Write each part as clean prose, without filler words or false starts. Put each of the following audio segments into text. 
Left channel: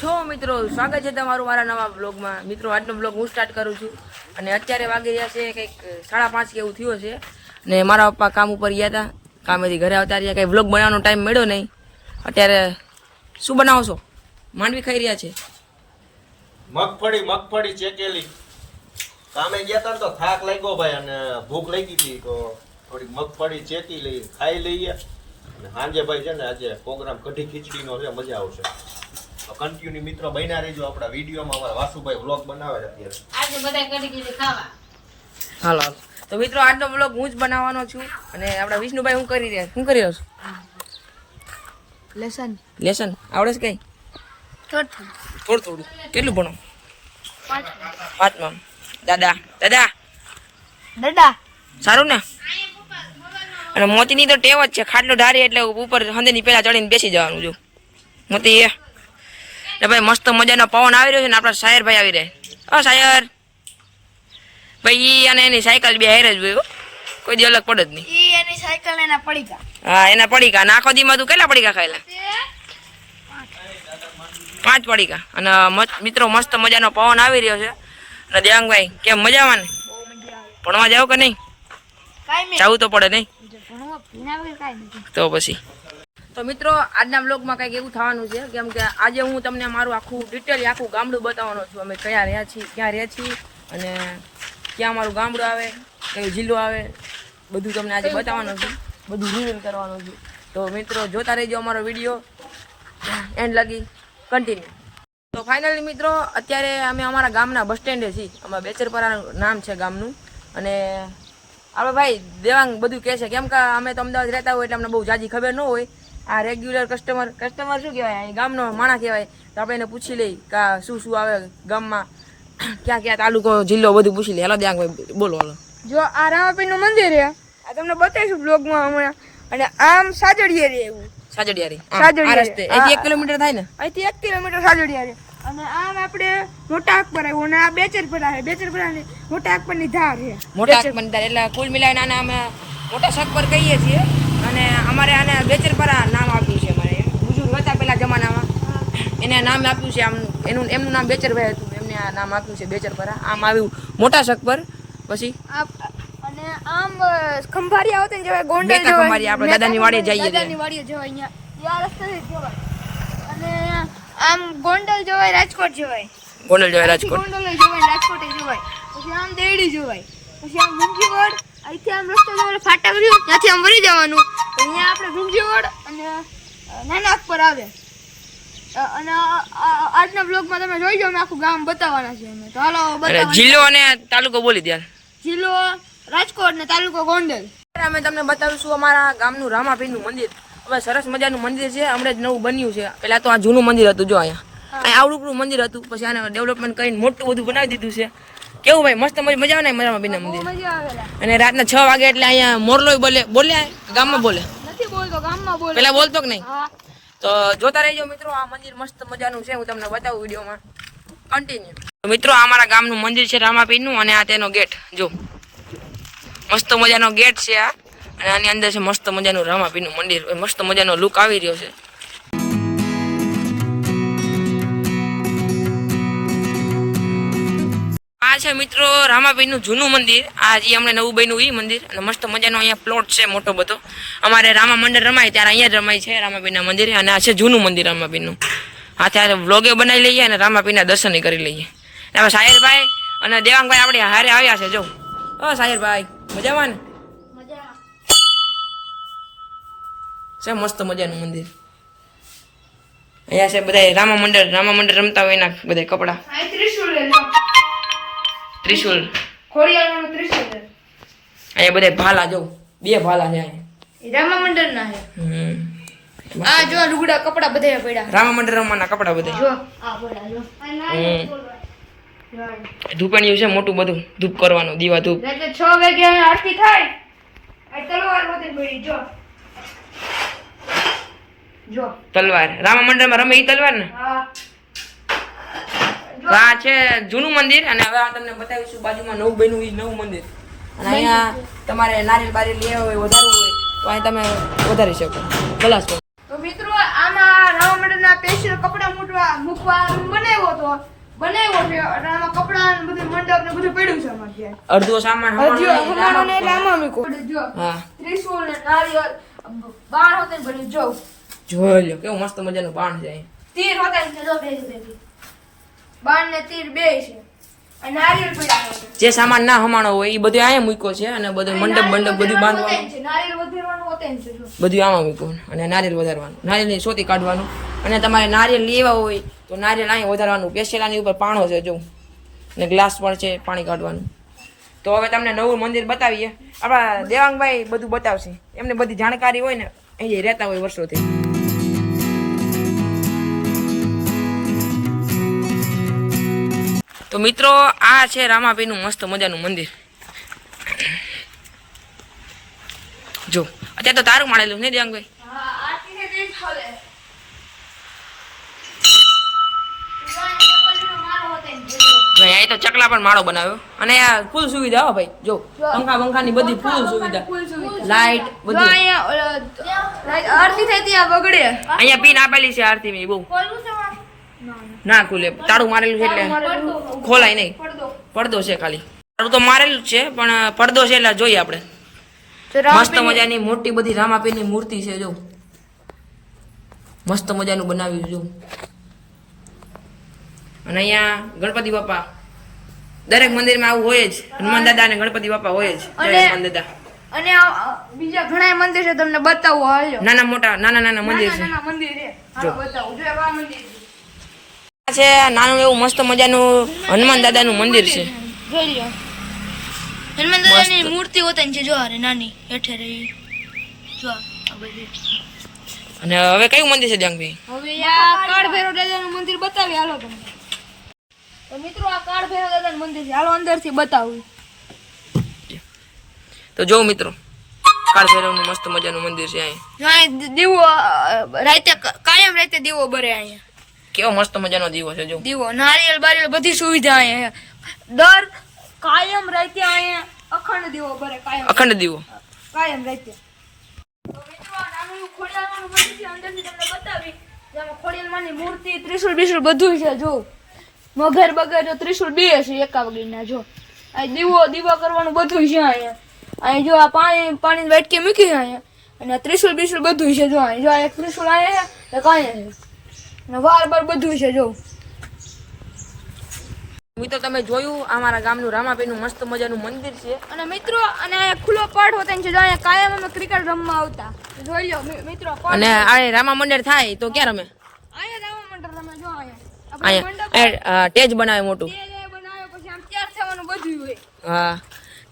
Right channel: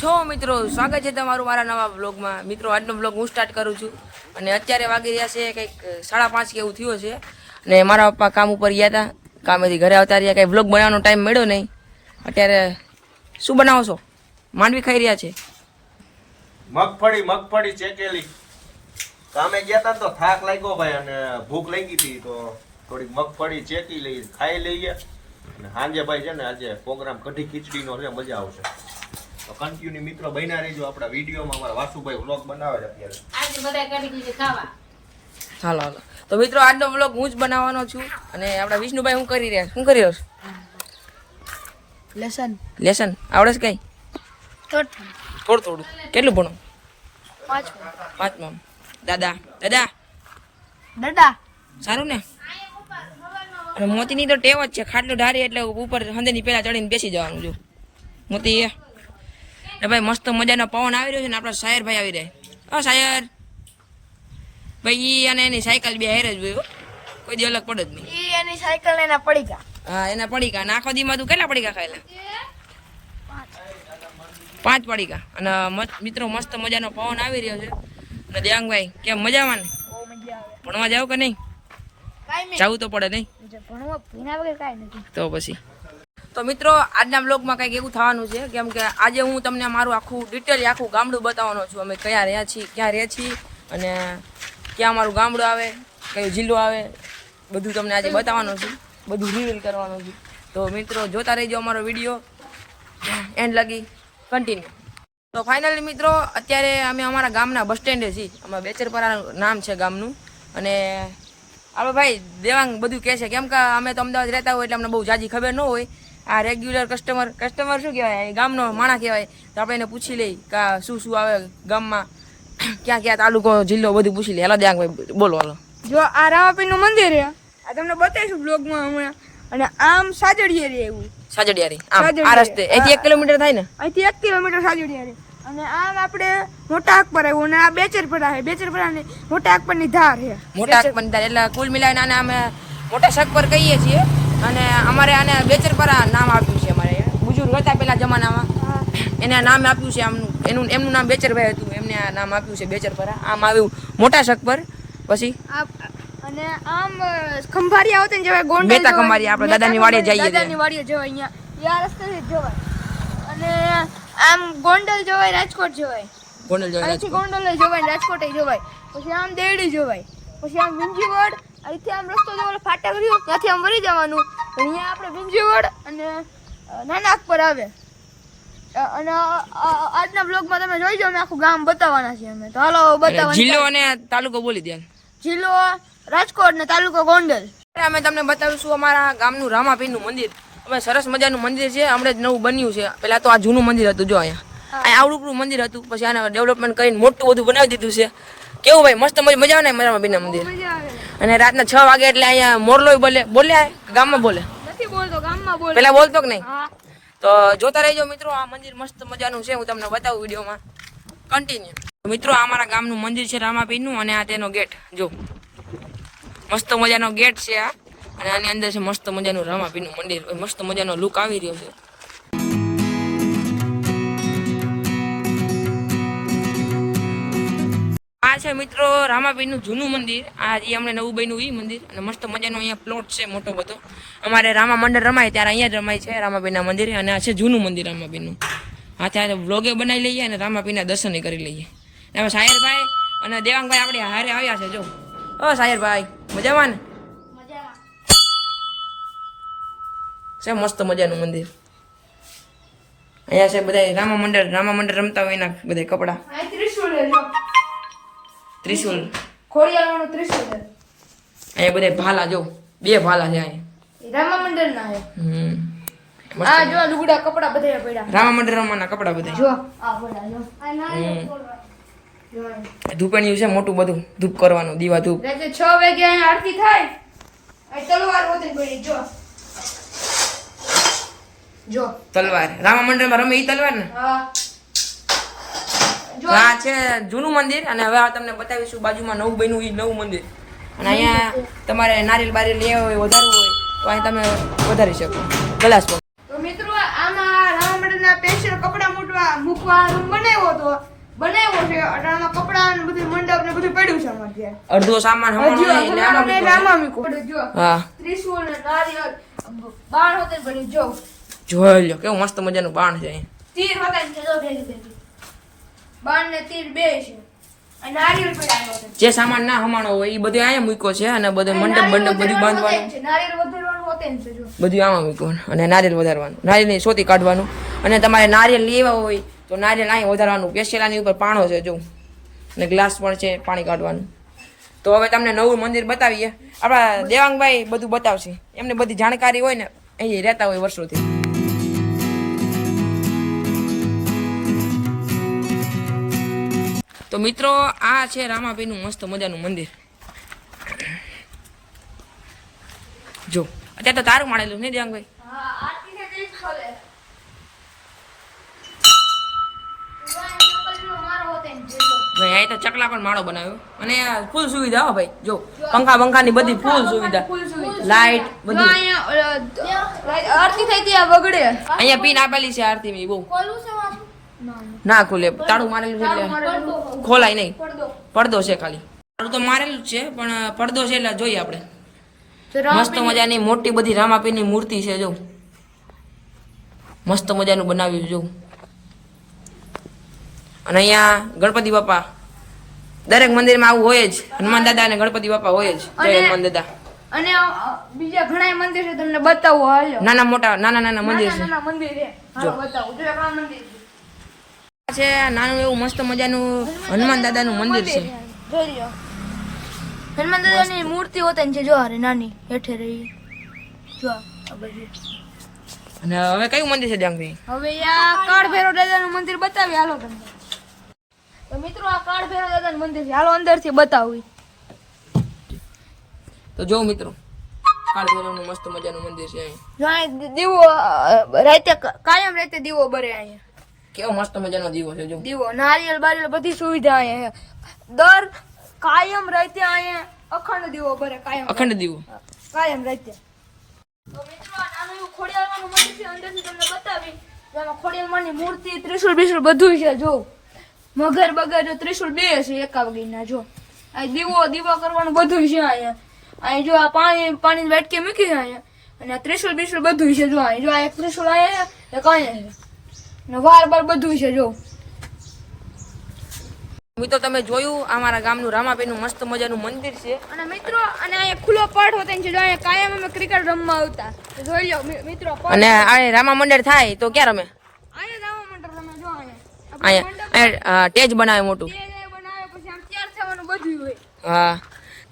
છો મિત્રો, સ્વાગત છે તમારું મારા નવા બ્લોગમાં। મિત્રો આજનો બ્લોગ હું સ્ટાર્ટ કરું છું અને અત્યારે વાગી રહ્યા છે કંઈક 5:30 કે એવું થયું છે ને મારા પપ્પા કામ ઉપર ગયા હતા, કામેથી ઘરે આવતા રહ્યા, કંઈ બ્લોગ બનાવવાનો ટાઈમ મળ્યો નહીં। અત્યારે શું બનાવો છો? માંડવી ખાઈ રહ્યા છે। મગફળી ચેકેલી। કામે ગયા હતા તો થાક લાગ્યો ભાઈ અને ભૂખ લાગી હતી તો થોડી મગફળી ચેકી લઈ ખાઈ લઈએ અને સાંજે ભાઈ છે ને આજે પ્રોગ્રામ કઢી ખીચડીનો છે, મજા આવશે તો કન્ટિન્યુ મિત્રો બન્યા રહેજો આપણા વિડીયોમાં। અમારા વાસુભાઈ વ્લોગ બનાવે છે અત્યારે, આજે બધા કઢી ખીચડી ખાવા। હાલો હાલો તો મિત્રો આજનો બ્લોગ હું જ બનાવવાનો છું અને આપણા વિષ્ણુભાઈ શું કરી રહ્યા શું કરી રહ્યો છો? લેસન આવડે છે કઈ? થોડું કેટલું ભણો? 5માં। દાદા સારું ને? અને મોતીની તો ટેવ જ છે, ખાટલો ઢારી એટલે ઉપર હંદેની પેલા ચડીને બેસી જવાનું। જો મોતી ને ભાઈ મસ્ત મજાનો પવન આવી રહ્યો છે ને આપણા શાયરભાઈ આવી રહ્યા। શાયર ભાઈ અને એની સાયકલ બે હેર જ હોય, કોઈ દી અલગ પડે જ નહીં। એની સાયકલ એના પડીકા। હા એના પડીકા ને આખો દીમાં તું કેટલા પડીકા ખાયેલા? 5 પડીકા। અને મિત્રો મસ્ત મજાનો પવન આવી રહ્યો છે અને દેવાંગભાઈ કેમ મજામાં ને? ભણવા જાવ કે નહીં? જવું તો પડે નહીં તો પછી તો મિત્રો આજના બ્લોગમાં કંઈક એવું થવાનું છે કેમ કે આજે હું તમને મારું આખું ડિટેલ આખું ગામડું બતાવવાનો છું। અમે ક્યાં રહ્યા છીએ અને ક્યાં અમારું ગામડું આવે, કયો જિલ્લો આવે, બધું તમને આજે બતાવવાનું છું, બધું રિવીલ કરવાનું છું। તો મિત્રો જોતા રહેજો અમારો વિડીયો એન્ડ લગી કન્ટિન્યુ। તો ફાઇનલી મિત્રો અત્યારે અમે અમારા ગામના બસ સ્ટેન્ડે છીએ। અમારા બેચરપરા નામ છે ગામનું અને આપણે ભાઈ દેવાંગ બધું કહે છે કેમ કે અમે તો અમદાવાદ રહેતા હોય એટલે અમને બહુ જાજી ખબર ન હોય। આ રેગ્યુલર કસ્ટમર શું કહેવાય, ગામનો માણસ કહેવાય, તો આપણે એને પૂછી લઈ કે શું આવે ગામમાં, ક્યાં તાલુકો જિલ્લો બધું પૂછી લઈએ। હાલો દેવાંગભાઈ બોલો હાલો। જો આ રામાપીરનું મંદિર છે, આ તમને બતાવીશું બ્લોગમાં હમણાં। અને આમ સાજડિયા રે એવું સાજડિયારી આ રસ્તે અહીંથી 1 કિલોમીટર થાય ને? અહીંથી 1 કિલોમીટર સાજડિયા રે અને આમ આપણે મોટા અકબર આવ્યું અને આ બેચરપરા છે, બેચરપરા ને મોટા અકબરની ધાર છે, મોટા અકબરની ધાર એટલે કુલ મિલાઈને આને અમે મોટા શકપર કહીએ છીએ અને અમારે આને બેચરપરા નામ આપ્યું છે। અમારે બુજુર્ગ હતા પેલા જમાનામાં એને નામ આપ્યું છે, એમનું નામ બેચરભાઈ હતું, એમને આ નામ આપ્યું છે બેચરપરા। આમ આવ્યું મોટા શકપર, પછી અને આમ ખંભારિયા હોતે ને જવાય, ગોંડલ બેતા ખંભારિયા આપણે દાદાની વાડીએ જઈએ, દાદાની વાડીએ જવાય, અહીંયા આ રસ્તેથી જવાય અને આમ ગોંડલ જવાય, રાજકોટ જવાય, ગોંડલ જવાય, રાજકોટ ગોંડલ જવાય, રાજકોટ જવાય, પછી આમ દેવડી જવાય, પછી આમ વિંજીવડ, અહીંથી આમ રસ્તો જવાય ફાટા કર્યું ત્યાંથી આમ વળી જવાનું, અહીંયા આપણે વિંજીવડ અને નાના અકબર આવે। અને આજના બ્લોગમાં તમે જોઈ જાવ, આખું ગામ બતાવવાના છે અમે, તો હાલો બતાવવાના। જિલ્લો અને તાલુકો બોલી દે। જિલ્લો રાજકોટ ને તાલુકો ગોંડલ। અમે તમને બતાવીશું અમારા ગામનું રામાપીરનું મંદિર। હવે સરસ મજાનું મંદિર છે, હમણાં જ નવું બન્યું છે। પેલા તો આ જૂનું મંદિર હતું, જો અહીંયા આવડું મંદિર હતું, પછી આને ડેવલપમેન્ટ કરીને મોટું બધું બનાવી દીધું છે। કેવું ભાઈ મસ્ત મજા આવે ને રામાપીરના મંદિર? અને રાતના 6 વાગે એટલે અહીંયા મોરલો બોલ્યા ગામમાં બોલે નથી બોલતો, ગામમાં બોલે, પેલા બોલતો કે નહીં? તો જોતા રહેજો મિત્રો, આ મંદિર મસ્ત મજાનું છે, હું તમને બતાવું વિડીયોમાં કન્ટિન્યુ। તો મિત્રો આ અમારા ગામનું મંદિર છે રામાપીરનું અને આ તેનો ગેટ જો મસ્ત મજાનો ગેટ છે આ, અને આની અંદર છે મસ્ત મજાનું રામાપીરનું મંદિર, મસ્ત મજાનો લુક આવી રહ્યો છે। આ છે મિત્રો રામાપીરનું જૂનું મંદિર, આ જે હમણાં નવું બન્યું એ મંદિર, અને મસ્ત મજાનો અહીંયા પ્લોટ છે મોટો બધો। અમારે રામા મંડળ રમાય ત્યારે અહીંયા જ રમાય છે રામાપીરના મંદિરે, અને આ છે જૂનું મંદિર રામાપીરનું। હા ત્યારે વ્લોગે બનાવી લઈએ અને રામાપીરના દર્શન કરી લઈએ। હવે શાયરભાઈ અને દેવાંગભાઈ આપણે હારે આવ્યા છે, જો શાયરભાઈ મજામાં ને? છે મસ્ત મજાનું મંદિર। અહીંયા છે બધા રામા મંડળ રમતા હોય એના બધા કપડા, ત્રિશુલ ખોડિયારનું ત્રિશુલ, અહીંયા બધા ભાલા જો 2 ભાલા છે અહીંયા રામા મંડળના છે। આ જો લુગડા કપડા બધા પડ્યા, રામા મંડળ રમવાના કપડા બધા જો આ પડ્યા જો, ધૂપણિયું છે મોટું બધું, ધૂપ કરવાનું, દીવા ધૂપ। એટલે 6 વાગે અહીંયા આરતી થાય, આ તલવાર હોતી પડી જો તલવાર રામા મંડળમાં રમે ઈ તલવાર ને? હા। આ છે જૂનું મંદિર અને હવે તમને બતાવીશું બાજુમાં નવું બન્યું ઈ નવું મંદિર। અને અહીંયા તમારે નારિયેલ બારિયેલ લેવા હોય વધારવું હોય તો અહીં તમે વધારી શકો ગ્લાસ પર। તો મિત્રો આમાં રામા મંડળના સ્પેશિયલ કપડા મૂકવા રૂમ બનાવ્યો છે અટાણામાં કપડાં ને બધું મંડપ ને બધું પડ્યું છે અમારે ત્યાં. અડધું સામાન હમણાં નહીં એટલે આમાં મૂકો છો. આમાં મૂકું. જો હા ત્રિશુલ ને નારિયેળ બાણ હોતે ને બધું જો જોઈ લો કેવું મસ્ત મજાનું બાણ છે અહીં. તીર હોતે ને જો ભેગી બાણ ને તીર બે છે અને નારિયેળ પડ્યા છે. જે સામાન ના હમાણો હોય એ બધું અહીંયા મૂક્યો છે અને બધું મંડપ બધું બાંધવાનું નારિયેળ વધારવાનું હોતે ને છે જો બધું આમાં મૂકવાનું અને નારિયેળ વધારવાનું નારિયેળની સોતી કાઢવાનું અને તમારે નારિયેળ લેવા હોય તો નારિયેળ અહીં વધારવાનું પેશેલાની ઉપર પાણો છે જો અને ગ્લાસ પણ છે પાણી કાઢવાનું. તો હવે તમને નવું મંદિર બતાવીએ. આપણા દેવાંગભાઈ બધું બતાવશે, એમને બધી જાણકારી હોય ને, અહીં રહેતા હોય વર્ષોથી. તો મિત્રો આ છે રામાપીરનું મસ્ત મજાનું મંદિર. જો અત્યારે તો તારું માણેલું ને દેવાંગભાઈ. હા આરતી ને તે ખોલે જો અહીં તો ચકલા પણ માળો બનાવ્યો અને આ ફૂલ સુવિધા હો ભાઈ. જો પંખા બંખાની બધી ફૂલ સુવિધા, લાઈટ બધું. આરતી થઈ ત્યાં વગડે અહીંયા પિન આપેલી છે આરતીની બહુ. ના ખુલે, તાળું મારેલું છે એટલે ખોલાય નહીં. પડદો છે ખાલી, તાળું તો મારેલું જ છે પણ પડદો છે એટલે જોઈએ આપણે. મસ્ત મજાની મોટી બધી રામાપીરની મૂર્તિ છે જો, મસ્ત મજાનું બનાવ્યું જો. અને અહીંયા ગણપતિ બાપા દરેક મંદિરમાં આવું હોય જ. હનુમાન દાદા અને ગણપતિ બાપા હોય જ. જય હનુમાન દાદા. અને બીજા ઘણા મંદિર છે તમને બતાવું હાલો. નાના મોટા નાના મંદિર છે. નાના મંદિર છે જો. બતાવું જો આ મંદિર છે નાનું એવું મસ્ત મજાનું હનુમાન દાદાનું મંદિર છે. જોઈ લ્યો હનુમાન દાદાની મૂર્તિ હોતી છે જો અરે નાની હેઠે રહી જો આ બધી. અને હવે કયું મંદિર છે દેવાંગભાઈ? હવે આ કાળ ભૈરવ દાદાનું મંદિર બતાવી હાલો તમને. તો મિત્રો આ કાળ ભૈરવ દાદાનું મંદિર છે, હાલો અંદરથી બતાવું. તો જો મિત્રો કાળ ભૈરવનું મસ્ત મજાનું મંદિર છે અહીં. જો અહીં દીવો રાતે કાયમ રાતે દીવો બરે અહીંયા. કેવો મસ્ત મજાનો દીવો છે જો. દીવો નારિયેળ બારિયેળ બધી સુવિધા અહીંયા. દર કાયમ રાતે અહીંયા અખંડ દીવો બરે કાયમ. અખંડ દીવો કાયમ રાતે. તો મિત્રો આ નાનું એવું ખોડિયારમાંનું મંદિર છે, અંદરથી તમને બતાવી. જેમાં ખોડિયારમાંની મૂર્તિ, ત્રિશુલ બિશુલ બધું છે જો. મગર બગર જો ત્રિશુલ બે છે એકા વગરના જો. આ દીવો કરવાનું બધું છે અહીંયા. અહીં જો આ પાણી વાટકી મૂકી છે અહીંયા. અને આ ત્રિશુલ બિશુલ બધું છે જો. અહીં જો આ એક ત્રિશુલ અહીંયા ને કાંઈ છે ને વાર બાર બધું છે જો. મિત્રો તમે જોયું અમારા ગામનું રામાપીરનું મસ્ત મજાનું મંદિર છે. અને મિત્રો અને અહીંયા ખુલ્લો પાઠ હોતો છે જો. અહીંયા કાયમ અમે ક્રિકેટ રમવા આવતા. તો જોઈ લો મિત્રો. અને આ રામા મંદિર થાય તો ક્યાં રમે? અહીંયા રામા મંડળ રમે જો. અહીંયા ટેજ બનાવે મોટું. બનાવે પછી આમ તૈયાર થવાનું બધું હોય. હા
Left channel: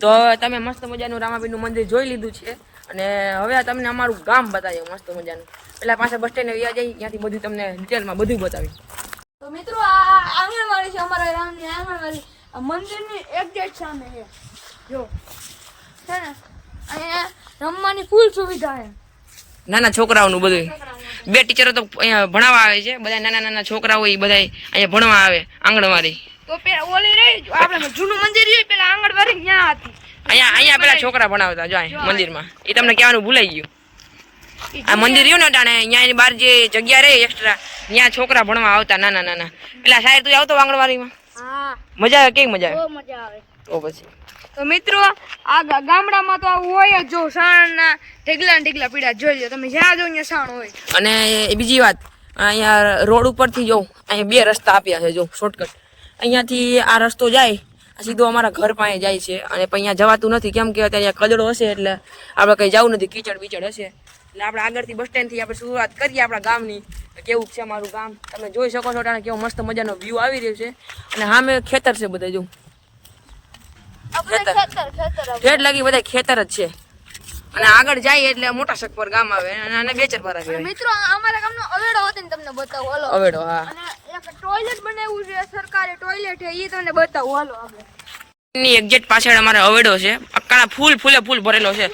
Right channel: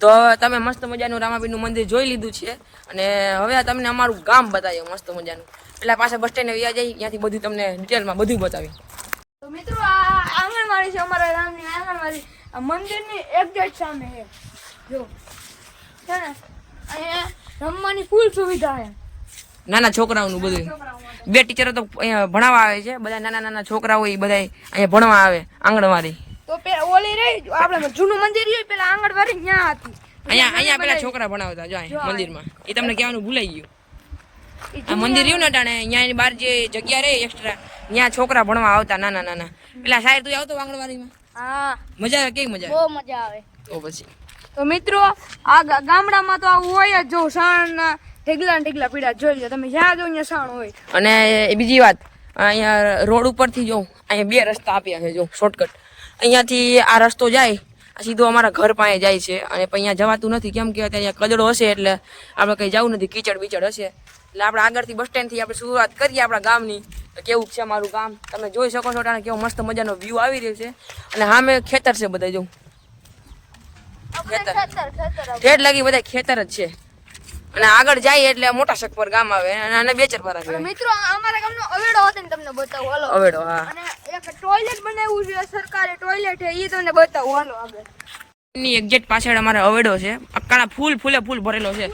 તો હવે તમે મસ્ત મજાનું રામાપીરનું મંદિર જોઈ લીધું છે અને હવે તમને અમારું ગામ બતાવીએ મસ્ત મજાનું. પેલા પાસે બસ સ્ટેન્ડે વ્યા જઈ, ત્યાંથી બધું તમને ડિટેલમાં બધું બતાવી. તો મિત્રો આ આંગણવાડી છે અમારા ગામની આંગણવાડી. આ મંદિરની એક્ઝેક્ટ સામે છે જો. છે ને અહીંયા રમવાની ફૂલ સુવિધા છે. નાના છોકરાઓનું બધું. બે ટીચરો તો અહીંયા ભણાવવા આવે છે. બધા નાના છોકરાઓ એ બધા અહીંયા ભણવા આવે આંગણવાડી. તો ઓલી રહી આપણે જૂનું મંદિર રહ્યું પેલા આંગણવાડી ત્યાં હતી. અહીંયા પેલા છોકરા ભણાવતા જો અહીંયા મંદિરમાં. એ તમને કહેવાનું ભૂલાઈ ગયું. આ મંદિર રહ્યું ને ટાણે અહીંયા બહાર જે જગ્યા રહે એક્સ્ટ્રા, ત્યાં છોકરા ભણવા આવતા નાના. પેલા સાહેબ તું આવતો આંગણવાડીમાં? હા મજા આવે? કેવી મજા આવે? બહુ મજા આવે. તો પછી તો મિત્રો આ ગામડામાં તો આવું હોય જ જો. સાણના ઢગલા પીડા જોઈ લો તમે, જ્યાં જો અહીંયા સાણ હોય. અને બીજી વાત, અહીંયા રોડ ઉપરથી જો અહીંયા બે રસ્તા આપ્યા છે જો, શોર્ટકટ. અહીંયાથી આ રસ્તો જાય આ સીધો અમારા ઘર પાસે જાય છે. અને પણ અહીંયા જવાતું નથી કેમ કે અત્યારે કચડો હશે એટલે આપણે કંઈ જવું નથી, કીચડ બીચડ હશે. એટલે આપણે આગળથી બસ સ્ટેન્ડથી આપણે શરૂઆત કરીએ આપણા ગામની. કેવું છે અમારું ગામ તમે જોઈ શકો છો. કેવો મસ્ત મજાનો વ્યૂ આવી રહ્યો છે. અને સામે ખેતર છે બધા જો. ખેતર ઠેઠ લાગી બધા ખેતર જ છે. અને આગળ જાય એટલે મોટા શકપર ગામ આવે અને બેચરપારા કહેવાય. મિત્રો અમારા ગામનો અવેડો હતો ને તમને બતાવું હાલો. અવેડો હા. અને એક ટોયલેટ બનાવ્યું છે સરકારી ટોયલેટ છે એ તમને બતાવું હાલો આગળ. ની એક્ઝેક્ટ પાછળ અમારે અવેડો છે. અક્કાના ફૂલ ભરેલો છે.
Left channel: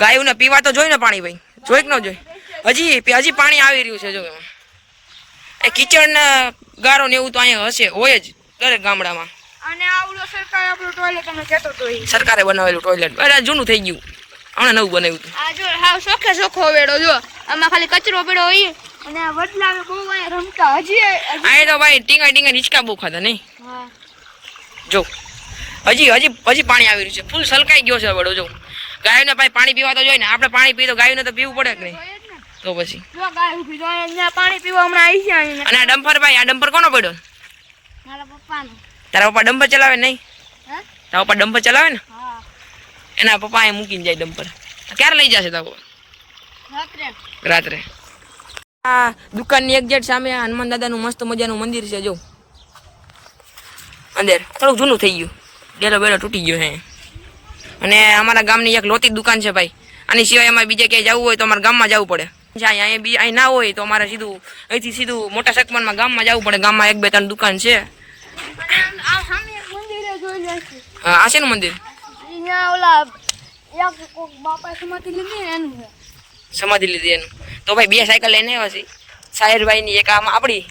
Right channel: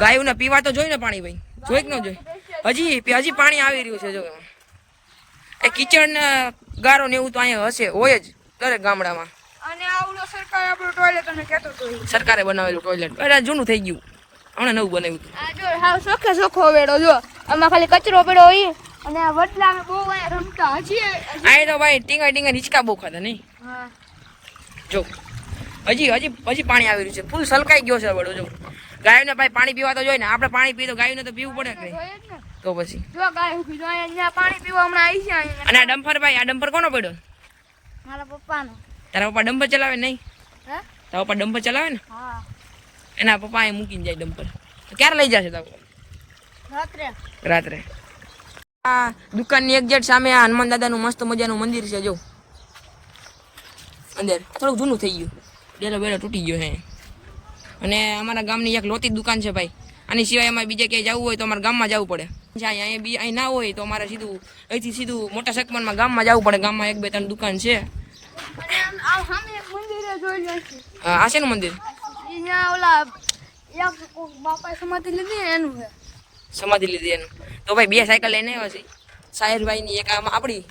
ગાયોને પીવા તો જોઈ ને પાણી ભાઈ, જોઈ કે ન જોઈ? હજી પાણી આવી રહ્યું છે જો. એમાં એ કિચડ ને ગારો ને એવું તો અહીંયા હશે, હોય જ દરેક ગામડામાં. અને આવડો સરકાર આપણો ટોયલેટ તમે કહેતો તો ઈ સરકારે બનાવેલું ટોયલેટ. અરે જૂનું થઈ ગયું, હમણાં નવું બનાવ્યું હતું. આ જો હાવ સોખે સોખો અવેડો જો. આમાં ખાલી કચરો પડ્યો હોય અને આ વડલા અમે બહુ અહીંયા રમતા હજી આ તો ભાઈ ટીંગા હિંચકા બહુ ખાતા નહીં હા જો હજી પાણી આવી રહ્યું છે ફૂલ સલકાઈ ગયો છે વડો જો ગાયને ભાઈ પાણી પીવા તો જોઈએ ને આપણે પાણી પીએ તો ગાયને તો પીવું પડે કે નહીં જોઈએ જ ને તો પછી જો ગાય ઊભી જો અહીંયા પાણી પીવા હમણાં આવી છે આવીને. અને આ ડમ્પર કોનો પડ્યો મારા પપ્પાનો તારા પપ્પા ડમ્પર ચલાવે નહીં હે તારા પપ્પા ડમ્પર ચલાવે ને હા એના પપ્પા એ મૂકીને જાય ડમ્પર ક્યારે લઈ જશે તારા પપ્પા રાત્રે રાત્રે આ દુકાનની એક્ઝેક્ટ સામે આ હનુમાન દાદાનું મસ્ત મજાનું મંદિર છે જો અંદર થોડુંક જૂનું થઈ ગયું ડેલો બેલો તૂટી ગયો હે અને અમારા ગામની એક લોતી દુકાન છે ભાઈ આની સિવાય અમારે બીજે ક્યાંય જવું હોય તો અમારા ગામમાં જવું પડે અહીં ના હોય તો અમારે અહીંથી સીધું મોટા સકમનમાં ગામમાં જવું પડે ગામમાં 1-2-3 દુકાન છે આ સામે એક મંદિર જોઈ લેશે હા આ શેનું મંદિર અહીંયા ઓલા એક કોક બાપાએ સમાધિ લીધી ને એનું છે સમાધિ લીધી એનું તો ભાઈ 2 સાયકલ લઈને આવ્યા છે સાહિરભાઈની એક આમ આપણી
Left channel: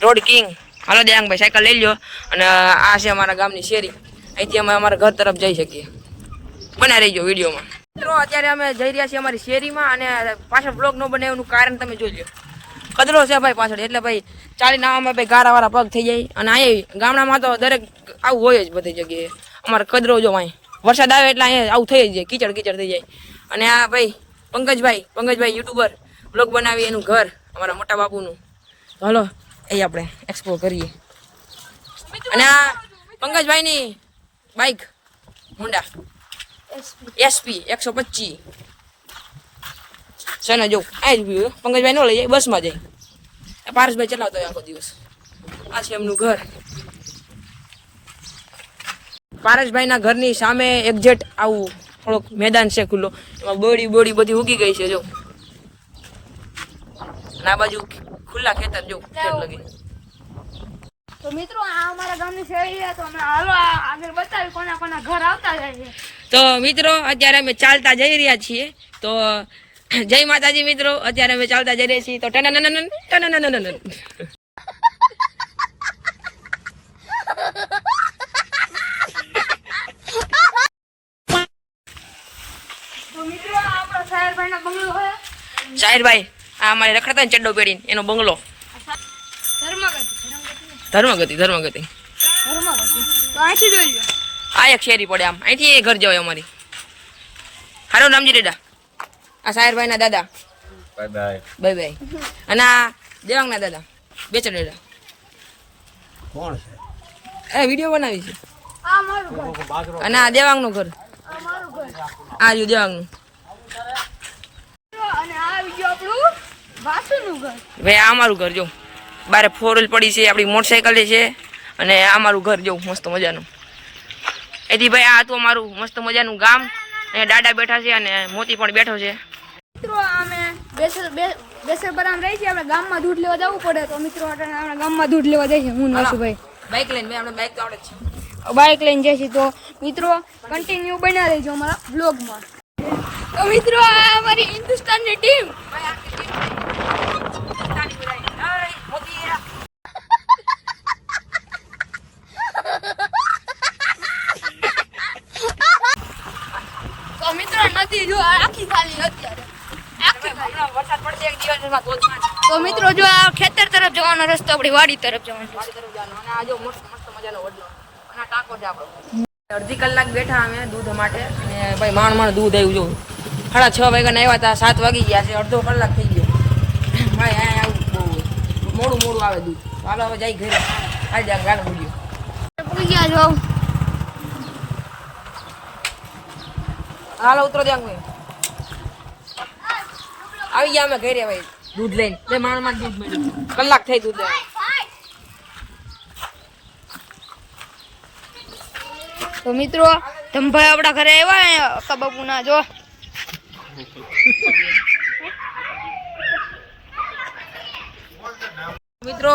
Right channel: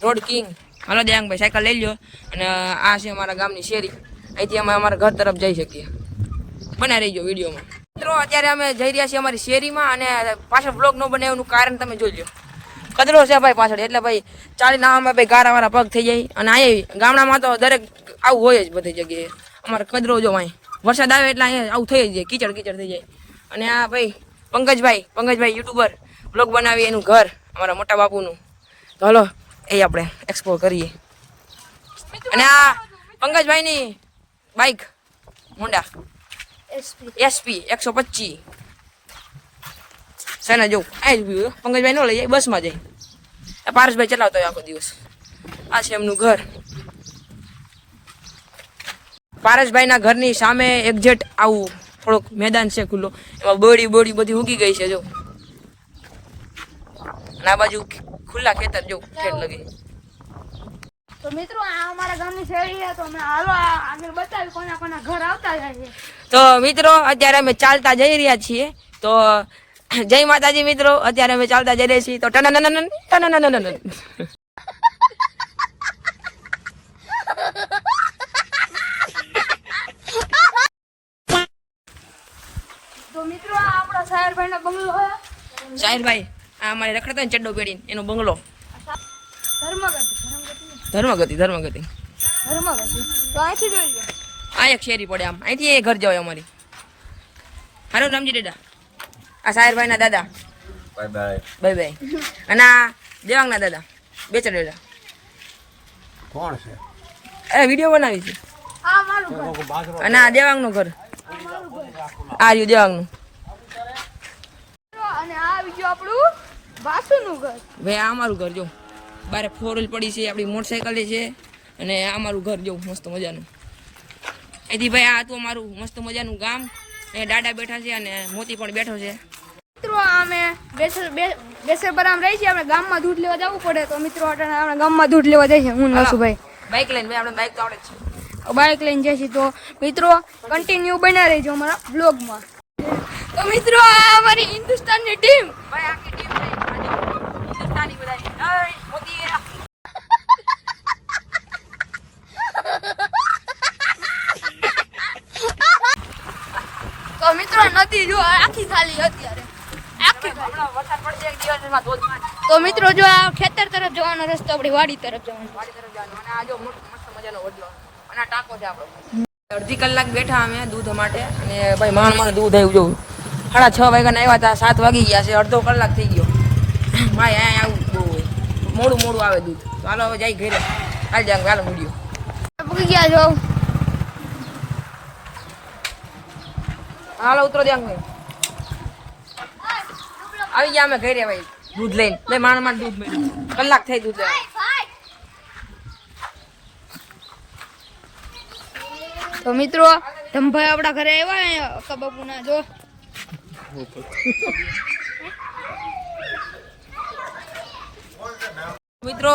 રોડ કિંગ હાલો દેવાંગભાઈ સાયકલ લઈ લ્યો અને આ છે અમારા ગામની શેરી અહીંથી અમે અમારા ઘર તરફ જઈ શકીએ બના રહીજો વિડીયોમાં મિત્રો અત્યારે અમે જઈ રહ્યા છીએ અમારી શેરીમાં અને પાછળ બ્લોગ ન બને એનું કારણ તમે જોઈ લો કદરો છે ભાઈ પાછળ એટલે ભાઈ ચાલીને આમાં ભાઈ ગારાવાળા પગ થઈ જાય અને અહીંયા ગામડામાં તો દરેક આવું હોય જ બધી જગ્યાએ અમારે કદરો જો અહીં વરસાદ આવે એટલે અહીંયા આવું થઈ જ જાય કીચડ થઈ જાય અને આ ભાઈ પંકજભાઈ યુટ્યુબર બ્લોગ બનાવી એનું ઘર અમારા મોટા બાપુનું તો હલો એ આપણે એક્સપ્લોર કરીએ અને આ પંકજભાઈની બાઇક હોન્ડા એસપી 125 છે ને જો આ જ ઉભી હોય પંકજભાઈ ન લઈ જાય બસમાં જાય પારસભાઈ ચલાવતો હોય આખો દિવસ આ છે એમનું ઘર પારસભાઈના ઘરની સામે એક્ઝેક્ટ આવું થોડોક મેદાન છે ખુલ્લો એમાં બોડી બધી ઉગી ગઈ છે જો અને આ બાજુ ખુલ્લા ખેતર જો ખેત લગી તો મિત્રો આ અમારા ગામની શેરી છે તો અમે હાલો આગળ બતાવી કોના કોના ઘર આવતા જાય છે તો મિત્રો અત્યારે અમે ચાલતા જઈ રહ્યા છીએ તો જય માતાજી મિત્રો અત્યારે અમે ચાલતા જઈ રહ્યા છીએ તો ટનનનનન તો મિત્રો આ આપણો સાહેરભાઈનો બંગલો છે સાહિરભાઈ આ અમારે રખડતા ને ચડ્ડો પેડીને એનો બંગલો ધર્મગતિ તો અહીંથી જોઈ લો આ એક શેરી પડે આમ અહીંથી એ ઘર જવાય અમારી હારો રામજી ડેડા આ સાહિરભાઈ ના દાદા બાય અને આ દેવાંગ ના દાદા બેચર ડેડા કોણ છે એ વિડીયો બનાવી છે આ મારું ઘર અને આ દેવાંગ નું ઘર આ મારું ઘર આ રહ્યું દેવાંગ નું અને આ બીજું આપણું વાસુનું ઘર ભાઈ આ અમારું ઘર જો બારે 4 વ્હીલ પડી છે આપણી મોટરસાઇકલ છે અને આ મારું ઘર જો મસ્ત મજાનું એથી ભાઈ આ હતું અમારું મસ્ત મજાનું ગામ અને દાદા બેઠા છે અને મોતી પણ બેઠો છે મિત્રો અમે બેસર બરામ રહી છીએ આપણે ગામમાં દૂધ લેવા જવું પડે તો મિત્રો આપણે ગામમાં દૂધ લેવા જઈએ હું નસુભાઈ બાઇક લઈને ભાઈ આપણે બાઇક તો આવડે જ છે બાઇક લઈને જઈશું તો મિત્રો કન્ટિન્યુ બના રહેજો અમારા બ્લોગમાં તો મિત્રો આ અમારી હિન્દુસ્તાનની ટીમ ભાઈ આખી ટીમ હિન્દુસ્તાની બધાય એય મોતી તો મિત્રો નદી જો આખી ખાલી અત્યારે આખી ખાલી વરસાદ પડશે એક દિવસમાં ધોધમાર તો મિત્રો જો આ ખેતર તરફ જવાનો રસ્તો આપણી વાડી તરફ જવાનો છે અને આ જો મસ્ત મજાનો વડલો અને આ ટાંકો છે આપણો અડધી કલાક બેઠા અમે દૂધ માટે અને ભાઈ માણ દૂધ આવ્યું જો 6:30 વાગ્યાના આવ્યા હતા 7 વાગી ગયા છે અડધો કલાક થઈ ગયો ભાઈ અહીંયા આવું બહુ હોય મોડું આવે દૂધ તો હાલો હવે જાય ઘરે હાલ જાય ગાલો મૂડ્યો પૂરી ગયા જો હાલો ઉતરો દે આવી ગયા અમે ઘરે ભાઈ દૂધ લઈને બે માણ દૂધ મળ્યું કલાક થઈ દૂધ લેવા તો મિત્રો ધમભાઈ આપણા ઘરે આવ્યા અક્કા બાપુના જો મિત્રો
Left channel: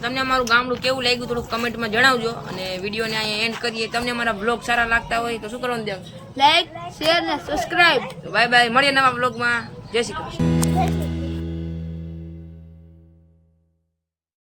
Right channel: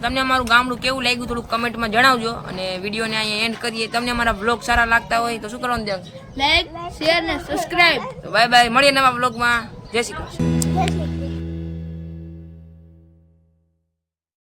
તમને અમારું ગામડું કેવું લાગ્યું થોડું કમેન્ટમાં જણાવજો અને વિડીયોને અહીંયા એન્ડ કરીએ તમને અમારા બ્લોગ સારા લાગતા હોય તો શું કરવાનું દેવ લાઈક શેર ને સબસ્ક્રાઇબ બાય બાય મળીએ નવા બ્લોગમાં જય શ્રી કૃષ્ણ